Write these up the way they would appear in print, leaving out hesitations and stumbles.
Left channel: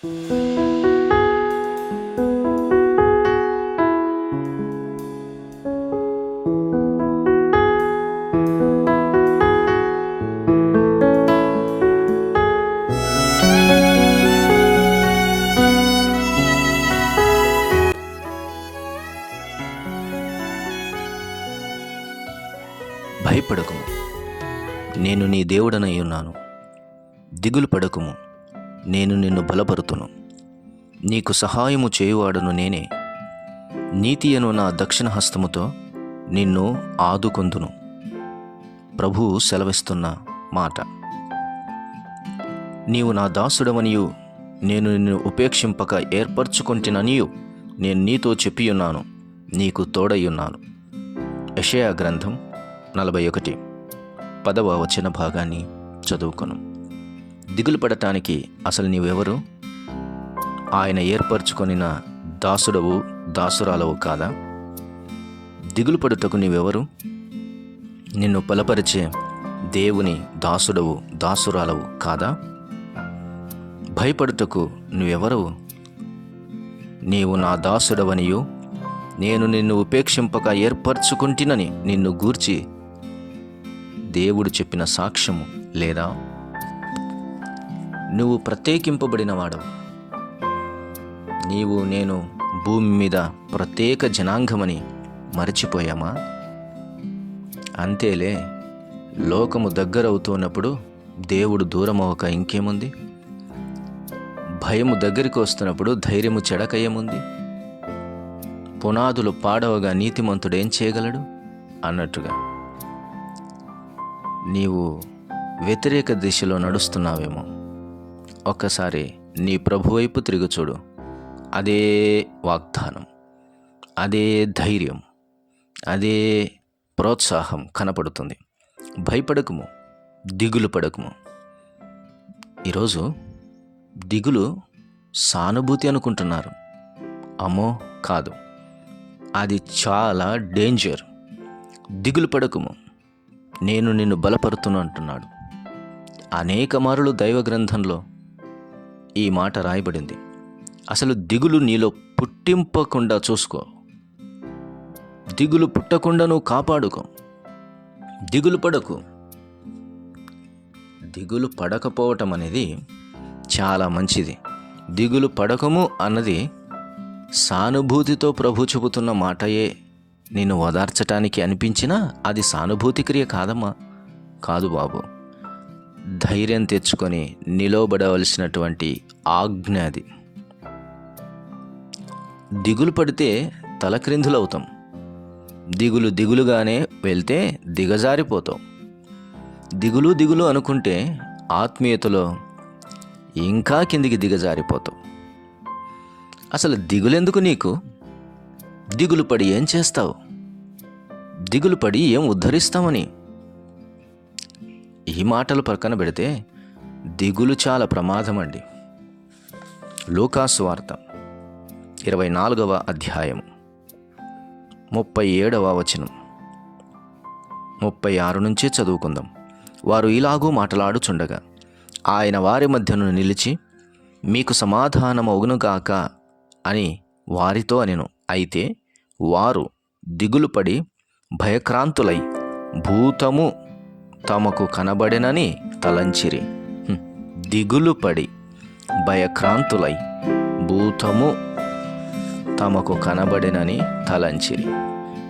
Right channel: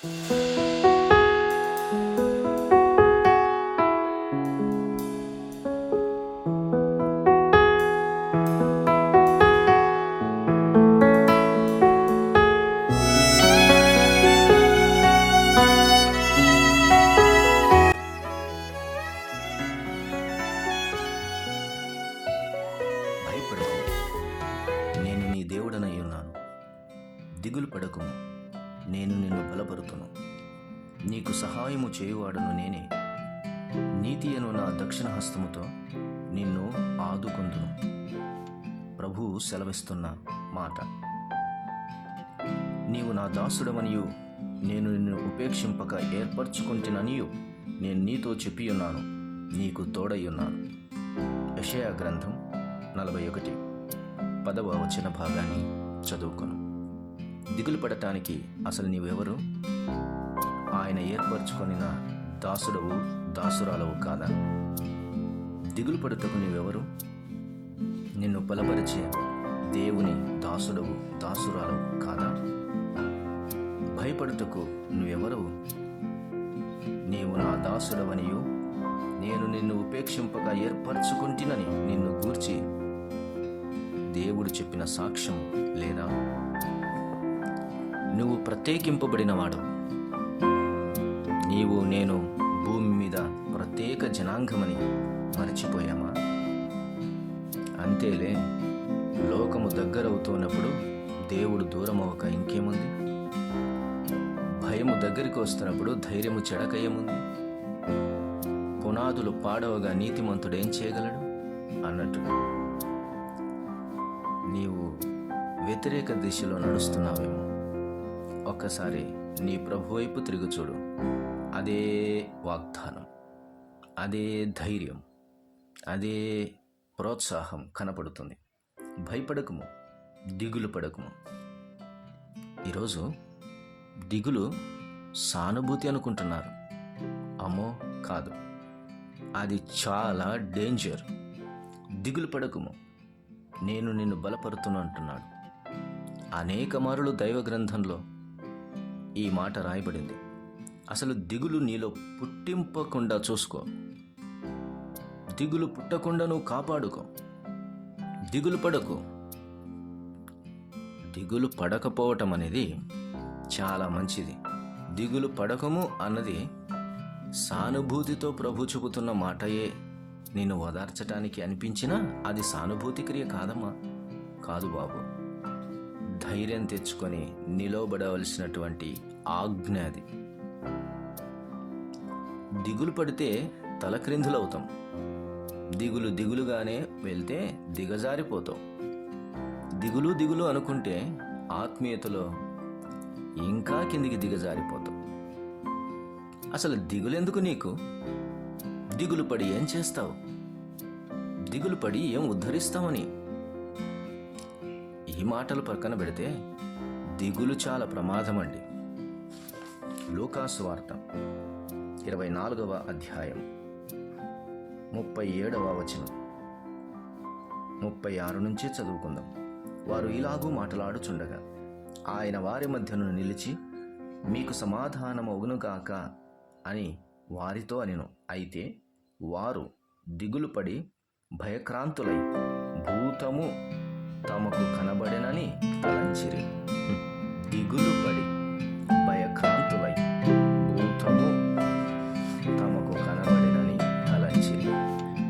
భయపడకుము, నేను నీ దేవుడనై ఉన్నాను. దిగులు పడకుము, నేను నిన్ను బలపరుతును. నీకు సహాయము చేయువాడను నేనే. నీతి అను నా దక్షిణ హస్తముతో నిన్ను ఆదుకొందును. ప్రభువు సెలవిస్తున్న మాట. నీవు నా దాసుడవనియు నేను నిన్ను ఉపేక్షింపక ఏర్పరచుకొంటిననియు నేను నీతో చెప్పియున్నాను. నీకు తోడయ్యున్నాను. యెషయా గ్రంథం 41 10వ వచన భాగాన్ని చదువుకొను. దిగులు పడటానికి అసలు నీవెవరు? ఆయన ఏర్పరచుకొనిన దాసుడవు, దాసురాలవు కాదా? దిగులు పడుటకు నీవెవరు? నిన్ను బలపరిచే దేవుని దాసుడవు, దాసురాలవు కాదా? భయపడుటకు నువ్వెవరవు? నీవు నా దాసుడవనియు నేను నిన్ను ఉపేక్షింపక ఏర్పరచుకుంటునని నిన్ను గూర్చి దేవుడు చెప్పిన సాక్ష్యము లేదా? నువ్వు ప్రత్యేకింపబడినవాడు. నీవు నేను భూమి మీద ప్రత్యేక జనాంగమని మరచిపోయామా? అంతేలే, లోకము దగ్గరవుతున్నప్పుడు దేవుడు దూరమవక ఇంకేముంది? భయము దగ్గరికి వస్తున్నప్పుడు ధైర్యము చెడకయ్యముంది? పునాదులు పాడవగా నీతిమంతుడేం చేయగలడు అన్నట్టుగా నీవు వ్యతిరేక దిశలో నడుస్తున్నావేమో. ఒక్కసారి నీ ప్రభు వైపు తిరిగి చూడు. అదే వాగ్దానం, అదే ధైర్యం, అదే ప్రోత్సాహం కనపడుతుంది. భయపడకుము, దిగులు పడకుము. ఈరోజు దిగులు సానుభూతి అనుకుంటున్నారు. అమ్మో కాదు, అది చాలా డేంజర్. దిగులు పడకుము, నేను నిన్ను బలపరుతును అంటున్నాడు. అనేక మారులు దైవ గ్రంథంలో ఈ మాట రాయబడింది. అసలు దిగులు నీలో పుట్టింపకుండా చూసుకో. దిగులు పుట్టకుండా నువ్వు కాపాడుకో. దిగులు పడకు. దిగులు పడకపోవటం అనేది చాలా మంచిది. దిగులు పడకము అన్నది సానుభూతితో ప్రభు చెబుతున్న మాటయే. నిన్ను ఓదార్చటానికి అనిపించినా అది సానుభూతి క్రియ కాదమ్మా. కాదు బాబు. ధైర్యం తెచ్చుకొని నిలవబడవలసినటువంటి ఆజ్ఞ అది. దిగులు పడితే తలక్రిందులవుతాం. దిగులుగానే వెళ్తే దిగజారిపోతాం. దిగులు అనుకుంటే ఆత్మీయతలో ఇంకా కిందికి దిగజారిపోతాం. అసలు దిగులెందుకు నీకు? దిగులు పడి ఏం చేస్తావు? దిగులు పడి ఏం ఉద్ధరిస్తామని? ఈ మాటలు పక్కన పెడితే దిగులు చాలా ప్రమాదమండి. లూకాసు వార్త 24వ అధ్యాయం 37వ వచనం 36 నుంచే చదువుకుందాం. వారు ఇలాగూ మాట్లాడుచుండగా ఆయన వారి మధ్యను నిలిచి, మీకు సమాధానమగునుగాక అని వారితో అనెను. అయితే వారు దిగులుపడి భయక్రాంతులై భూతము తమకు కనబడెనని తలంచిరి. దిగులుపడి భయక్రాంతులై భూతము తమకు కనబడెనని తలంచిరి.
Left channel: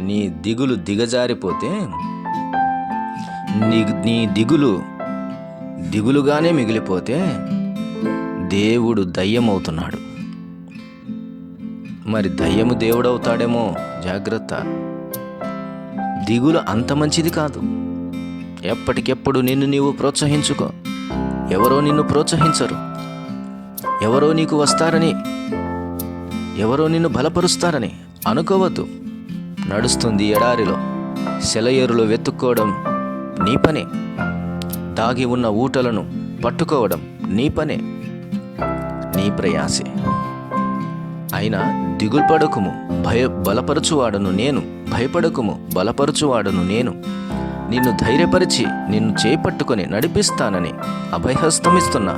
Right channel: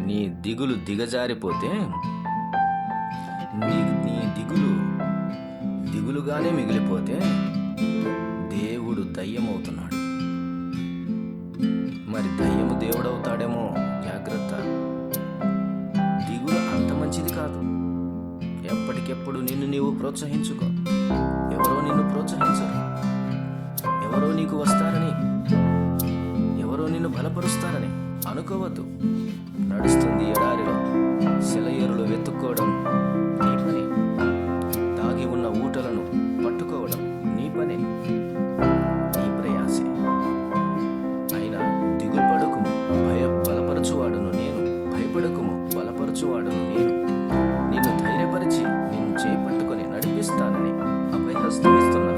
నీ దిగులు దిగజారిపోతే నీ దిగులుగానే మిగిలిపోతే దేవుడు దయ్యమవుతున్నాడు. మరి దయ్యము దేవుడవుతాడేమో, జాగ్రత్త. దిగులు అంత మంచిది కాదు. ఎప్పటికెప్పుడు నిన్ను నీవు ప్రోత్సహించుకో. ఎవరో నిన్ను ప్రోత్సహించరు. ఎవరో నీకు వస్తారని, ఎవరో నిన్ను బలపరుస్తారని అనుకోవద్దు. నడుస్తుంది ఎడారిలో సెలయేరులో వెతుక్కోవడం నీ పనే. దాగి ఉన్న ఊటలను పట్టుకోవడం నీ పనే, నీ ప్రయాసే. అయినా దిగులు పడకుము, బలపరచువాడను నేను. భయపడకుము, బలపరచువాడను నేను. నిన్ను ధైర్యపరిచి నిన్ను చేపట్టుకొని నడిపిస్తానని అభయహస్తమిస్తున్నా.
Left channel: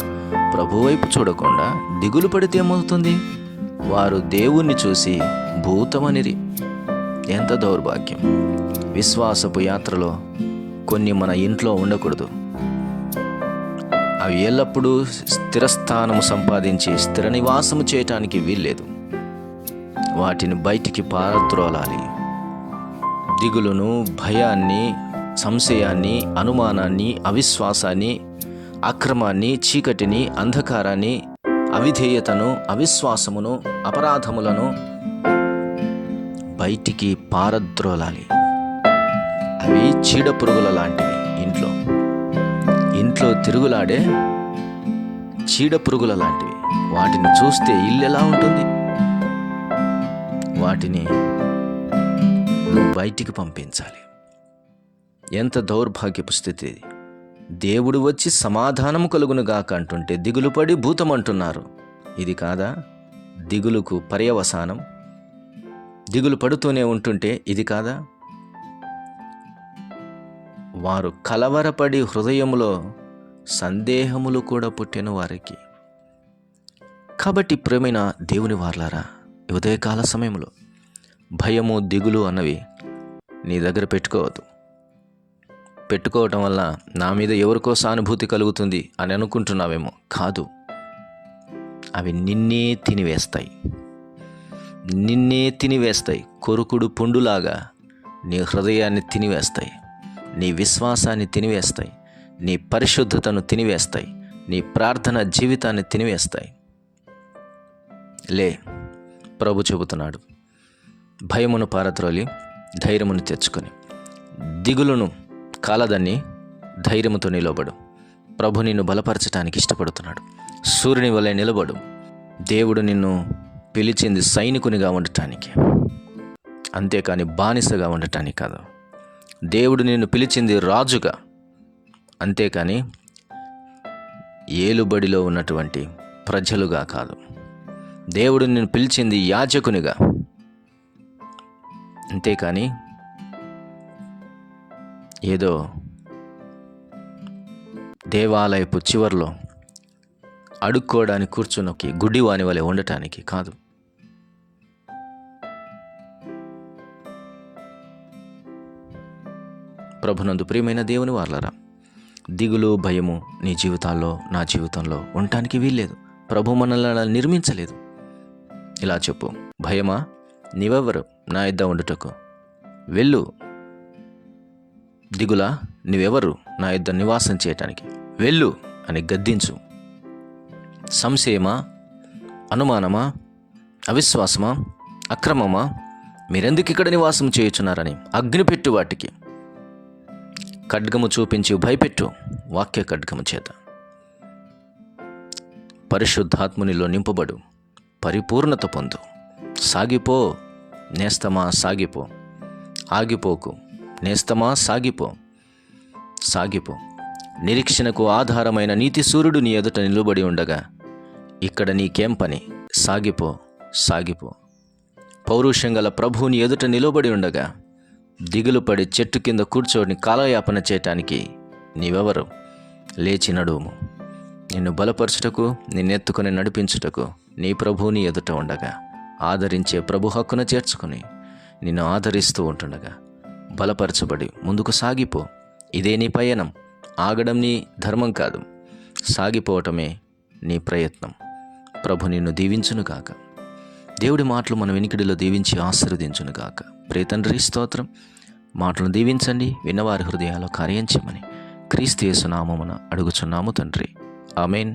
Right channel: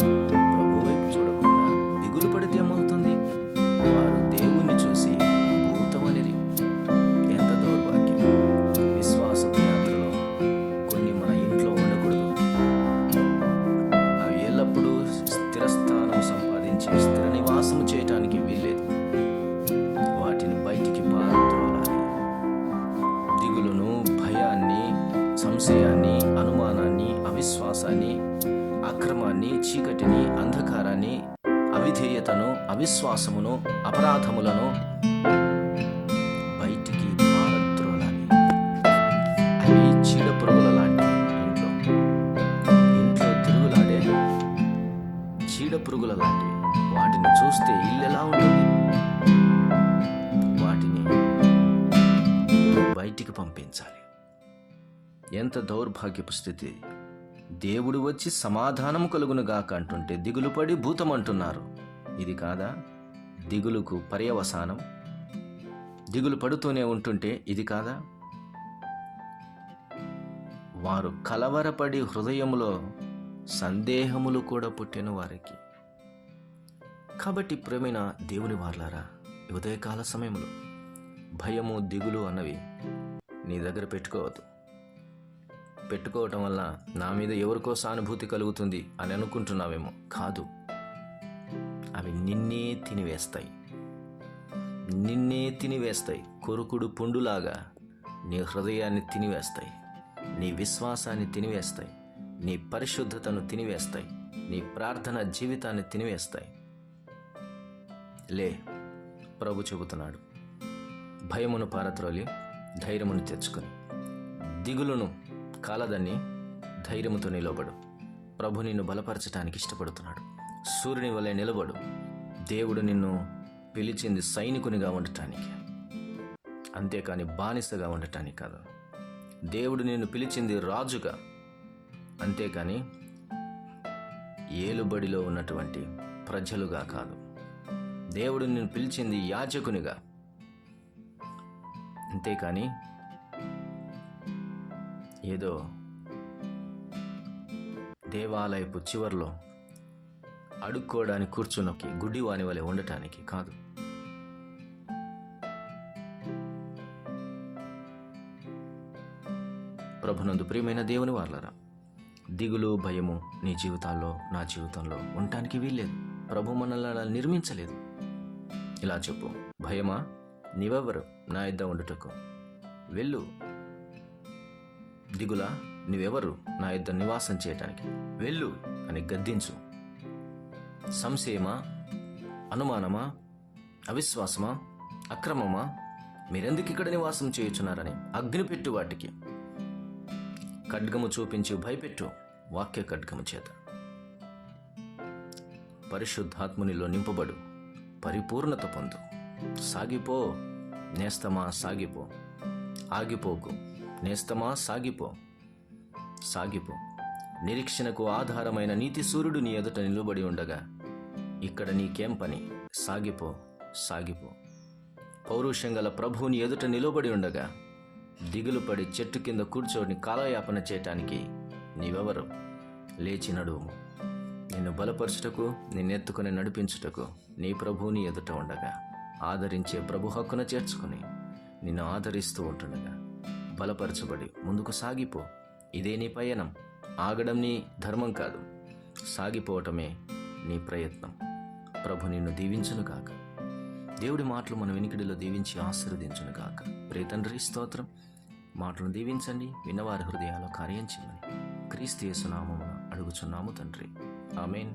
ప్రభు వైపు చూడకుండా దిగులు పడితే ఏమవుతుంది? వారు దేవుణ్ణి చూసి భూతమనిరి. ఎంత దౌర్భాగ్యం! విశ్వాసపు యాత్రలో కొన్ని మన ఇంట్లో ఉండకూడదు. అవి ఎల్లప్పుడూ స్థిరస్థానం సంపాదించి స్థిర నివాసము చేయటానికి వీల్లేదు. వాటిని బయటికి పారద్రోలాలి. దిగులును, భయాన్ని, సంశయాన్ని, అనుమానాన్ని, అవిశ్వాసాన్ని, అక్రమాన్ని, చీకటిని, అంధకారాన్ని, అవిధేయతను, అవిశ్వాసమును, అపరాధములను బయటికి పారద్రోలాలి. అవి చీడపురుగుల లాంటివి. ఇంట్లో తిరుగులాడే చీడపురుగుల లాంటివి. వాటిని చూస్తే ఇల్లు ఎలా ఉంటుంది? వాటిని బయటికి పంపించాలి. ఎంత దౌర్భాగ్యపు స్థితి! దేవుడు వచ్చి సమాధానము కలుగునుగాక అంటుంటే దిగులుపడి భూతమంటున్నారు. ఇది కాదా దిగులుకు పర్యవసానం? దిగులు పడుతూనే ఉంటుంటే ఇది కాదా? వారు కలవరపడి హృదయములో సందేహములు కూడా పుట్టిన వారికి. కాబట్టి ప్రేమైన దేవుని వారలారా, ఉదయకాల సమయంలో భయము, దిగులు అన్నవి నీ దగ్గర పెట్టుకోవద్దు. పెట్టుకోవటం వల్ల నా మీద ఎవరికో సానుభూతి కలుగుతుంది అని అనుకుంటున్నావేమో. కాదు, అవి నిన్నే తినివేస్తాయి. కొరుకుడు పుండులాగా నీ హృదయాన్ని తినివేస్తాయి, నీ విశ్వాసాన్ని తినివేస్తాయి, నీ పరిశుద్ధతను తినివేస్తాయి, నీ ప్రార్థన జీవితాన్ని తినివేస్తాయి. లే, ప్రభు చెబుతున్నాడు, భయమును పారద్రోలి ధైర్యమును తెచ్చుకొని దిగులును కాలదన్ని ధైర్యముతో నిలబడు. ప్రభు నిన్ను బలపరచడానికి ఇష్టపడుతున్నాడు. సూర్యుని వలె నిలబడు. దేవుడు నిన్ను పిలిచింది సైనికునిగా ఉండటానికి, అంతేకాని బానిసగా ఉండటానికి కాదు. దేవుడు నిన్ను పిలిచింది రాజుగా, అంతేకాని ఏలుబడిలో ఉన్నటువంటి ప్రజలుగా కాదు. దేవుడు నిన్ను పిలిచింది యాజకునిగా, అంతేకాని ఏదో దేవాలయపు చివర్లో అడుక్కోవడానికి కూర్చున్నకి గుడ్డివాని వలె ఉండటానికి కాదు. ప్రభునందు ప్రియమైన దేవుని వారలారా, దిగులు, భయము నీ జీవితాల్లో, నా జీవితంలో ఉండటానికి వీల్లేదు. ప్రభు మనల్ని నిర్మించలేదు. ఇలా చెప్పు, భయమా, నీవెవరు నా యొద్ద ఉండుటకు? వెళ్ళు. దిగులా, నీవెవరు నా యొద్ద నివాసం చేయటానికి? వెళ్ళు అని గద్దించు. సంశయమా, అనుమానమా, అవిశ్వాసమా, అక్రమమా, మీరెందుకు ఇక్కడ నివాసం చేయుచున్నారని అగ్నిపెట్టు. వాటికి ఖడ్గము చూపించి భయపెట్టు, వాక్య ఖడ్గము చేత. పరిశుద్ధాత్మునిలో నింపబడు, పరిపూర్ణత పొందు. సాగిపో నేస్తమా, సాగిపో. ఆగిపోకు నేస్తమా, సాగిపో. నిరీక్షణకు ఆధారమైన నీతి సూర్యుడు నీ ఎదుట నిలబడి ఉండగా ఇక్కడ నీకేం పని? సాగిపో. పౌరుషం గల ప్రభువు నీ ఎదుట నిలబడి ఉండగా దిగులు పడి చెట్టు కింద కూర్చొని కాలయాపన చేయటానికి నీవెవరు? లేచి నడువుము. నిన్ను బలపరచుటకు, నిన్నెత్తుకొని నడిపించుటకు నీ ప్రభువు నీ ఎదుట ఉండగా, ఆదరించే ప్రభు హక్కున చేర్చుకుని నిన్ను ఆదరిస్తూ ఉంటుండగా బలపరచబడి ముందుకు సాగిపో. ఇదే నీ పయనం. ఆగడం నీ ధర్మం కాదు, సాగిపోవటమే నీ ప్రయత్నం. ప్రభు నిన్ను దీవించునుగాక. దేవుడి మాటలు మన వెనికిడిలో దీవించి ఆశీర్వదించునుగాక. ప్రియ తండ్రి, స్తోత్రం. మాటలను దీవించండి, విన్నవారి హృదయాల్లో కార్యం చేయమని క్రీస్తు యేసు నామమున అడుగుచున్నాము తండ్రి. ఆమేన్.